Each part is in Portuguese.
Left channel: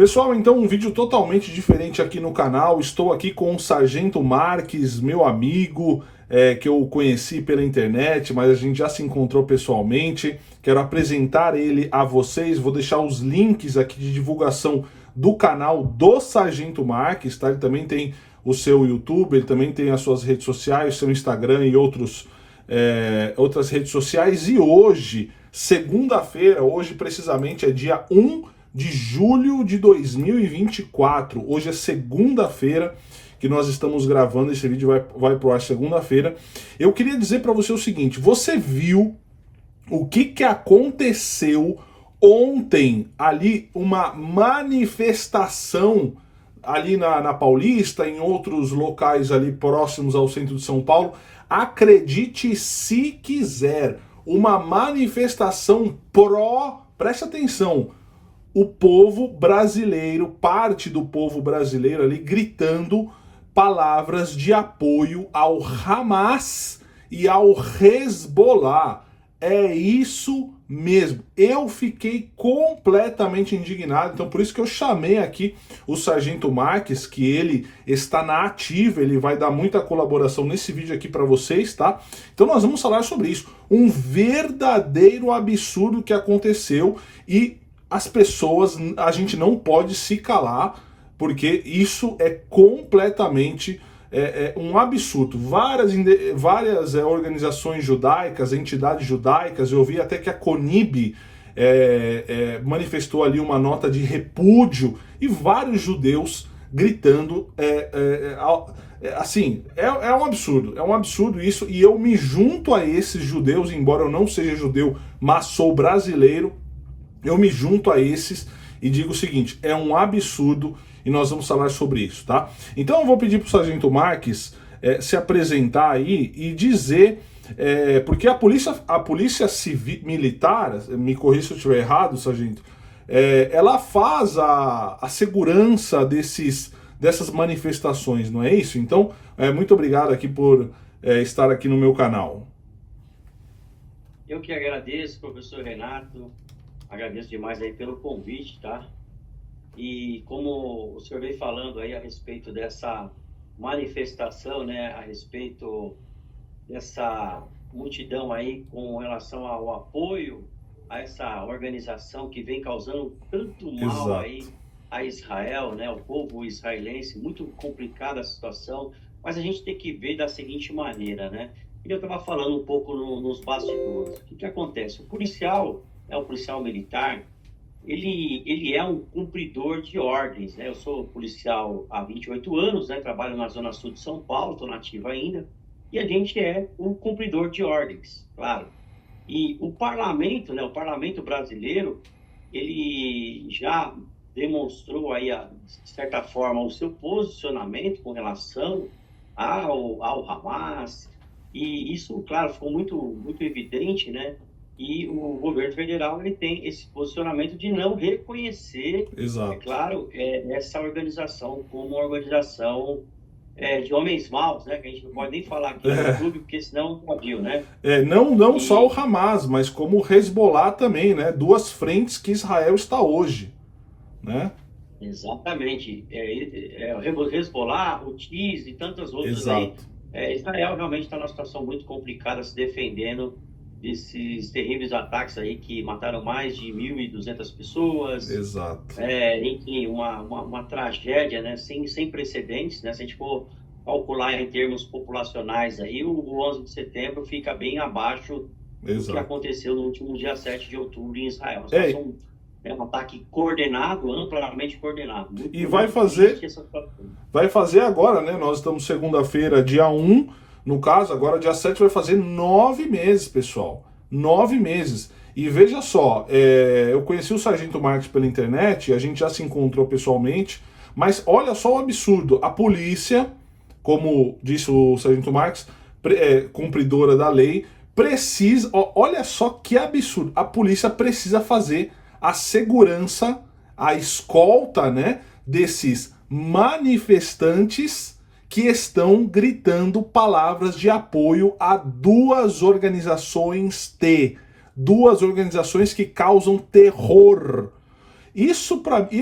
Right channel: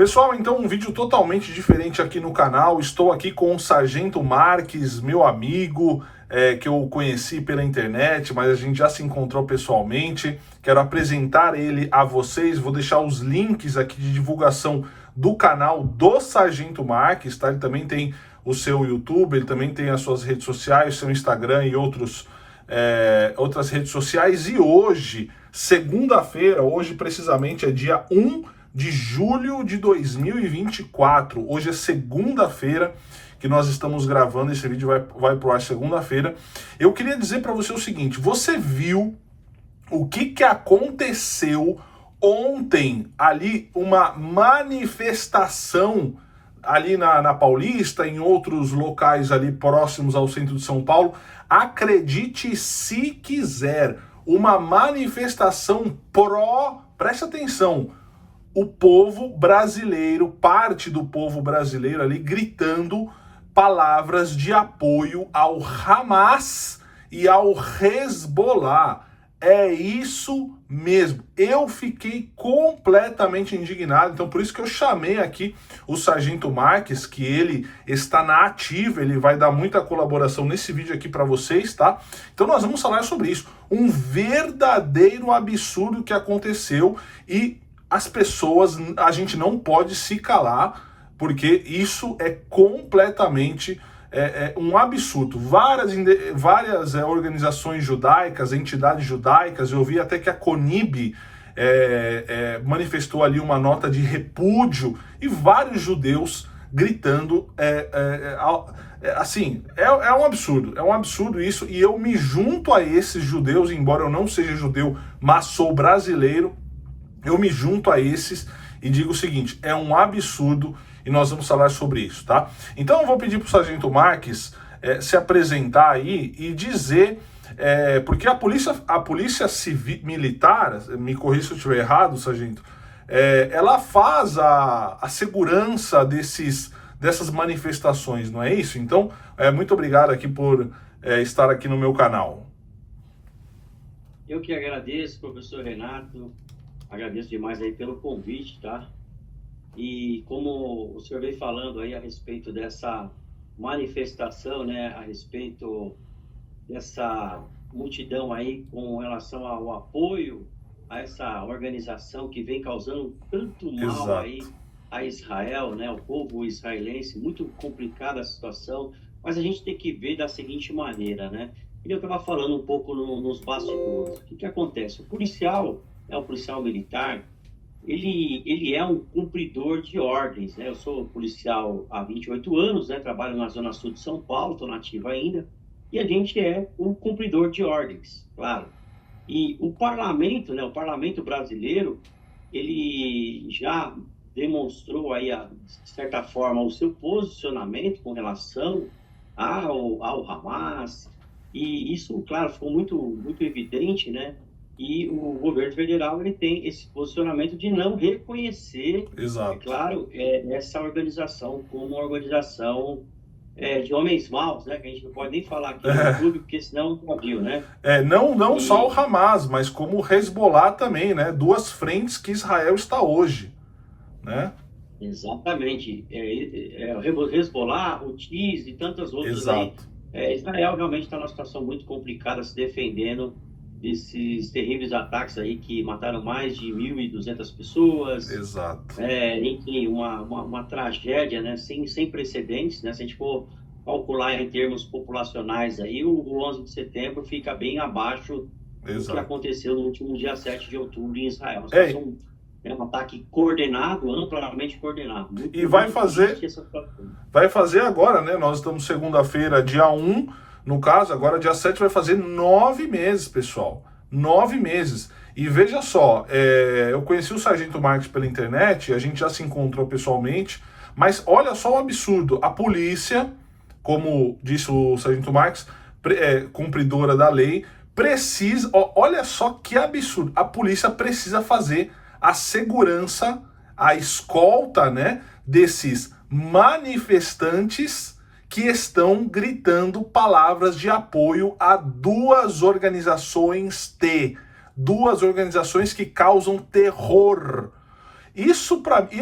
Pessoal, então um vídeo totalmente diferente aqui no canal. Estou aqui com o Sargento Marques, meu amigo, que eu conheci pela internet, mas a gente já se encontrou pessoalmente. Quero apresentar ele a vocês, vou deixar os links aqui de divulgação do canal do Sargento Marques, tá? Ele também tem o seu YouTube, ele também tem as suas redes sociais, seu Instagram e outras redes sociais. E hoje, segunda-feira, hoje precisamente é dia 1 de julho de 2024. Hoje é segunda-feira que nós estamos gravando, esse vídeo vai pro ar segunda-feira. Eu queria dizer para você o seguinte: você viu o que aconteceu ontem ali, uma manifestação ali na Paulista, em outros locais ali próximos ao centro de São Paulo? Acredite se quiser, uma manifestação preste atenção, o povo brasileiro, parte do povo brasileiro ali gritando palavras de apoio ao Hamas e ao Hezbollah. É isso mesmo. Eu fiquei completamente indignado, então por isso que eu chamei aqui o Sargento Marques, que ele está na ativa, ele vai dar muita colaboração nesse vídeo aqui para vocês, tá? Então nós vamos falar sobre isso. Um verdadeiro absurdo que aconteceu e as pessoas, a gente não pode se calar, porque isso é completamente um absurdo. Várias organizações judaicas, entidades judaicas, eu vi até que a CONIB manifestou ali uma nota de repúdio, e vários judeus gritando, assim, é um absurdo isso, e eu me junto a esses judeus, embora eu não seja judeu, mas sou brasileiro. Eu me junto a esses e digo o seguinte: é um absurdo, e nós vamos falar sobre isso, tá? Então eu vou pedir para o Sargento Marques se apresentar aí e dizer, porque a polícia civil, militar, me corrija se eu estiver errado, Sargento, ela faz a segurança dessas manifestações, não é isso? Então, muito obrigado aqui por estar aqui no meu canal. Eu que agradeço, professor Renato. Agradeço demais aí pelo convite, tá? E como o senhor vem falando aí a respeito dessa manifestação, né? A respeito dessa multidão aí com relação ao apoio a essa organização que vem causando tanto mal. Exato. Aí a Israel, né? O povo israelense, muito complicada a situação, mas a gente tem que ver da seguinte maneira, né? Eu estava falando um pouco nos bastidores. O que acontece? O policial militar, ele é um cumpridor de ordens, né? Eu sou policial há 28 anos, né? Trabalho na Zona Sul de São Paulo, estou nativo ainda, e a gente é um cumpridor de ordens, claro. E o parlamento, né? O parlamento brasileiro, ele já demonstrou aí, de certa forma, o seu posicionamento com relação ao Hamas, e isso, claro, ficou muito evidente, né? E o governo federal, ele tem esse posicionamento de não reconhecer, exato, claro, essa organização como uma organização de homens maus, né? Que a gente não pode nem falar aqui no YouTube, porque senão podiu, né? Não só o Hamas, mas como o Hezbollah também, né? Duas frentes que Israel está hoje, né? Exatamente. O Hezbollah, o Houthis e tantas outras. Exato. Aí. Israel realmente está numa situação muito complicada, se defendendo desses terríveis ataques aí que mataram mais de 1.200 pessoas. Exato. Enfim, uma tragédia, né, sem precedentes, né? Se a gente for calcular em termos populacionais aí, o 11 de setembro fica bem abaixo. Exato. Do que aconteceu no último dia 7 de outubro em Israel. Um ataque coordenado, amplamente coordenado. E vai fazer agora, né? Nós estamos segunda-feira, dia 1, no caso, agora dia 7 vai fazer 9 meses, pessoal. 9 meses. E veja só, eu conheci o Sargento Marques pela internet, a gente já se encontrou pessoalmente, mas olha só o absurdo. A polícia, como disse o Sargento Marques, cumpridora da lei, precisa, olha só que absurdo, a polícia precisa fazer a segurança, a escolta, né, desses manifestantes que estão gritando palavras de apoio a duas organizações que causam terror. Isso para mim,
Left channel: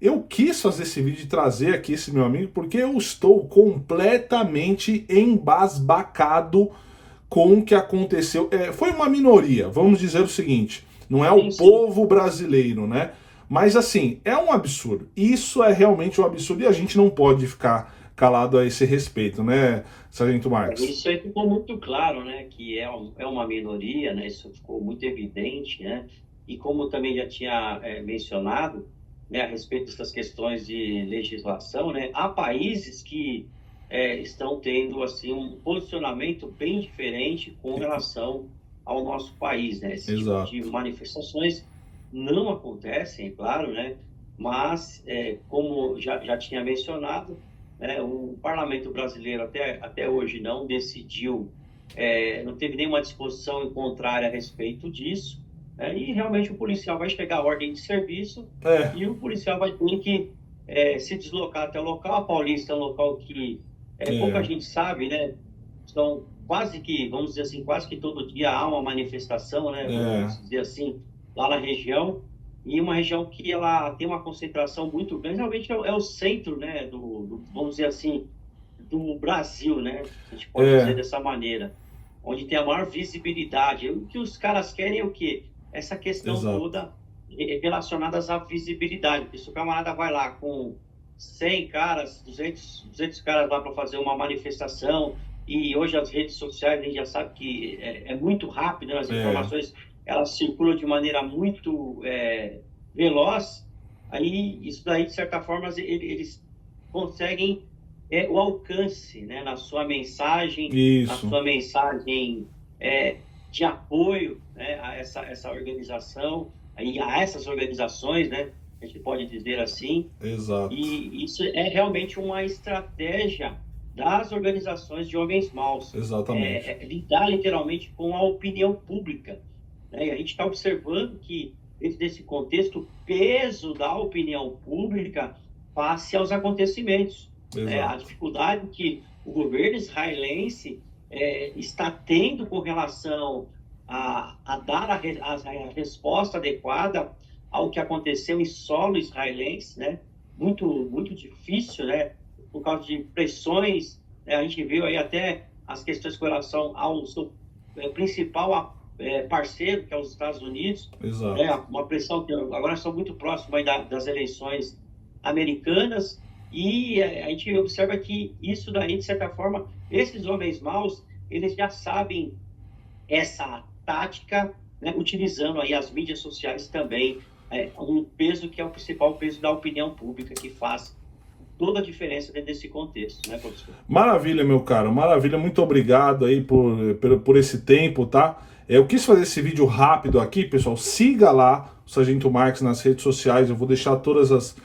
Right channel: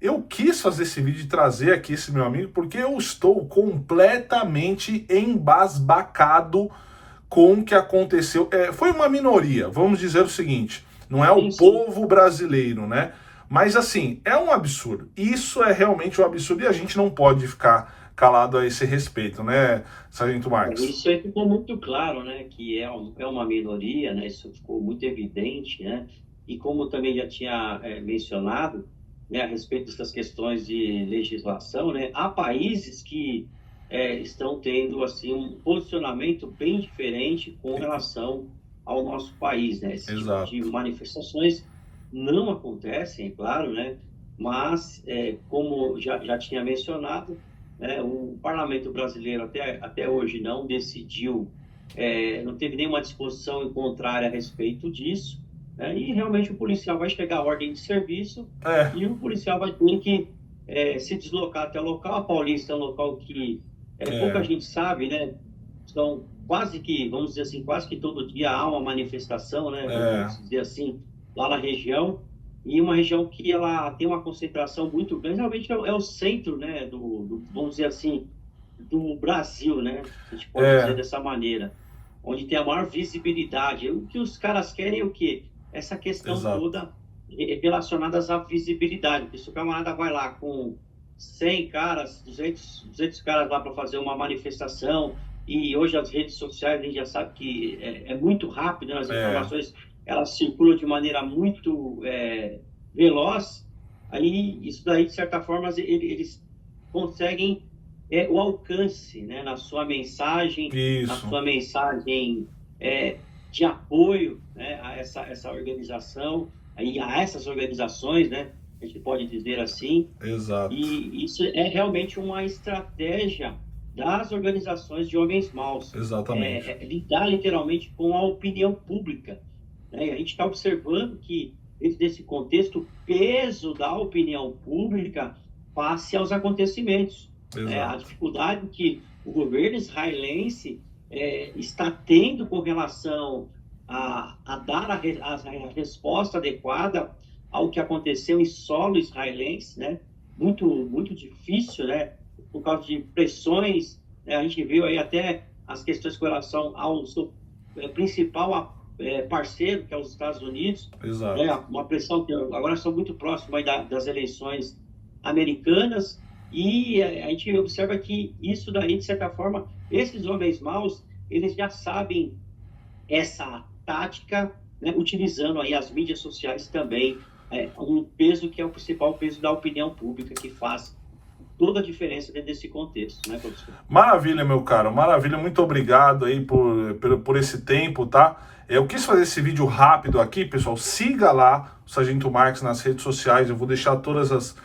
eu quis fazer esse vídeo e trazer aqui esse meu amigo, porque eu estou completamente embasbacado com o que aconteceu. Foi uma minoria, vamos dizer o seguinte, não é o Sim, sim. povo brasileiro, né? Mas assim, é um absurdo. Isso é realmente um absurdo e a gente não pode ficar calado a esse respeito, né, Sargento Marques? Isso aí ficou muito claro, né, que é uma minoria, né, isso ficou muito evidente, né, e como também já tinha mencionado, né, a respeito dessas questões de legislação, né, há países que estão tendo, assim, um posicionamento bem diferente com relação ao nosso país, né, esse tipo de Exato. manifestações não acontecem, é claro, né, mas, como já tinha mencionado, o parlamento brasileiro até hoje não decidiu, não teve nenhuma disposição em contrária a respeito disso, né? E realmente o policial vai chegar à ordem de serviço É, e o policial vai ter que se deslocar até o local. A Paulista é um local que pouca é, gente sabe, né? São quase que, vamos dizer assim, quase que todo dia há uma manifestação, né? é, Vamos dizer assim, lá na região. E uma região que ela tem uma concentração muito grande, realmente é o centro, né, vamos dizer assim, do Brasil, né, a gente pode dizer é, dessa maneira, onde tem a maior visibilidade. O que os caras querem é o quê? Essa questão exato. toda relacionada à visibilidade, porque se o camarada vai lá com 100 caras, 200 caras lá para fazer uma manifestação, e hoje as redes sociais, a gente já sabe que é muito rápido, né, as É, informações elas circulam de maneira muito veloz, aí isso daí, de certa forma, eles conseguem o alcance, né, na isso, sua mensagem de apoio, né, a essa organização, aí, a essas organizações, né, a gente pode dizer assim, exato, e isso é realmente uma estratégia das organizações de homens maus, exatamente. lidar literalmente com a opinião pública, né? E a gente está observando que, dentro desse contexto, o peso da opinião pública face aos acontecimentos, né? A Exato. dificuldade que o governo israelense está tendo com relação a dar a resposta adequada ao que aconteceu em solo israelense, né? Muito, muito difícil, né? Por causa de pressões, né? A gente viu aí até as questões com relação ao seu principal parceiro, que é os Estados Unidos, né? Exato. Uma pressão que agora são muito próximos aí das eleições americanas, e a gente observa que isso daí, de certa forma, esses homens maus, eles já sabem essa tática, né, utilizando aí as mídias sociais também, um peso que é o principal peso da opinião pública, que faz toda a diferença dentro desse contexto, né, professor? Maravilha, meu caro, maravilha. Muito obrigado aí por esse tempo, tá? Eu quis fazer esse vídeo rápido aqui, pessoal. Siga lá o Sargento Marques nas redes sociais. Eu vou deixar todos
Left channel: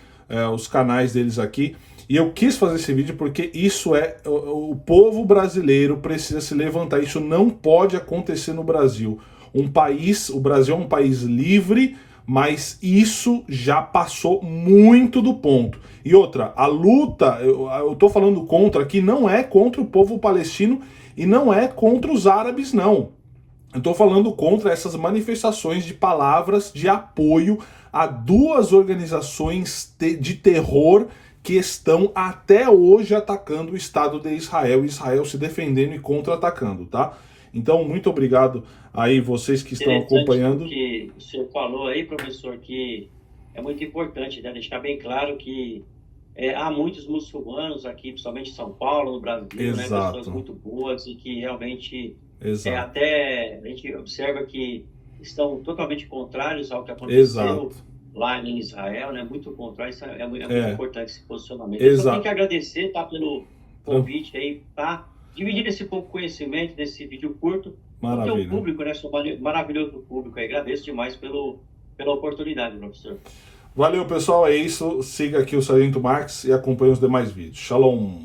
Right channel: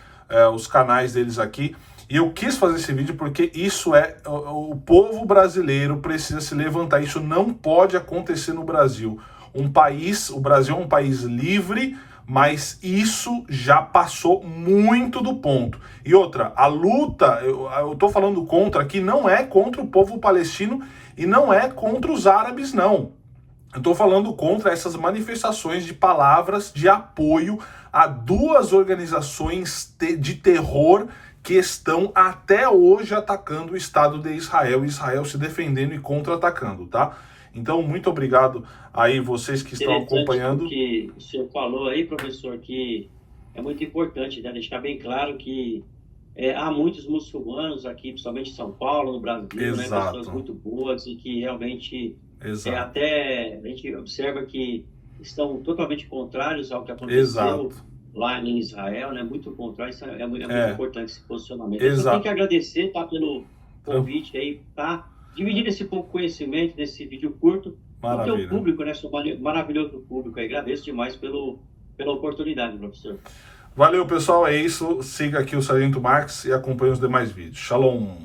os canais deles aqui. E eu quis fazer esse vídeo porque isso o povo brasileiro precisa se levantar. Isso não pode acontecer no Brasil. O Brasil é um país livre, mas isso já passou muito do ponto. E outra, a luta, eu tô falando contra aqui, não é contra o povo palestino e não é contra os árabes, não. Eu tô falando contra essas manifestações de palavras de apoio a duas organizações de terror que estão até hoje atacando o Estado de Israel, Israel se defendendo e contra-atacando, tá? Então, muito obrigado aí vocês que estão Interessante o acompanhando. que o senhor falou aí, professor, que é muito importante, né, deixar bem claro que há muitos muçulmanos aqui, principalmente em São Paulo, no Brasil, né, pessoas Exato, muito boas e que realmente exato, até a gente observa que estão totalmente contrários ao que exato. aconteceu lá em Israel, né, muito contrário, isso é muito É, importante esse posicionamento. Eu só tenho que exato. agradecer, tá, pelo convite aí, tá, dividir esse pouco conhecimento desse vídeo curto com o teu Maravilha. público, né, seu maravilhoso público aí. Agradeço demais pela oportunidade, professor. Valeu, pessoal. É isso. Siga aqui o Sargento Marques e acompanhe os demais vídeos. Shalom.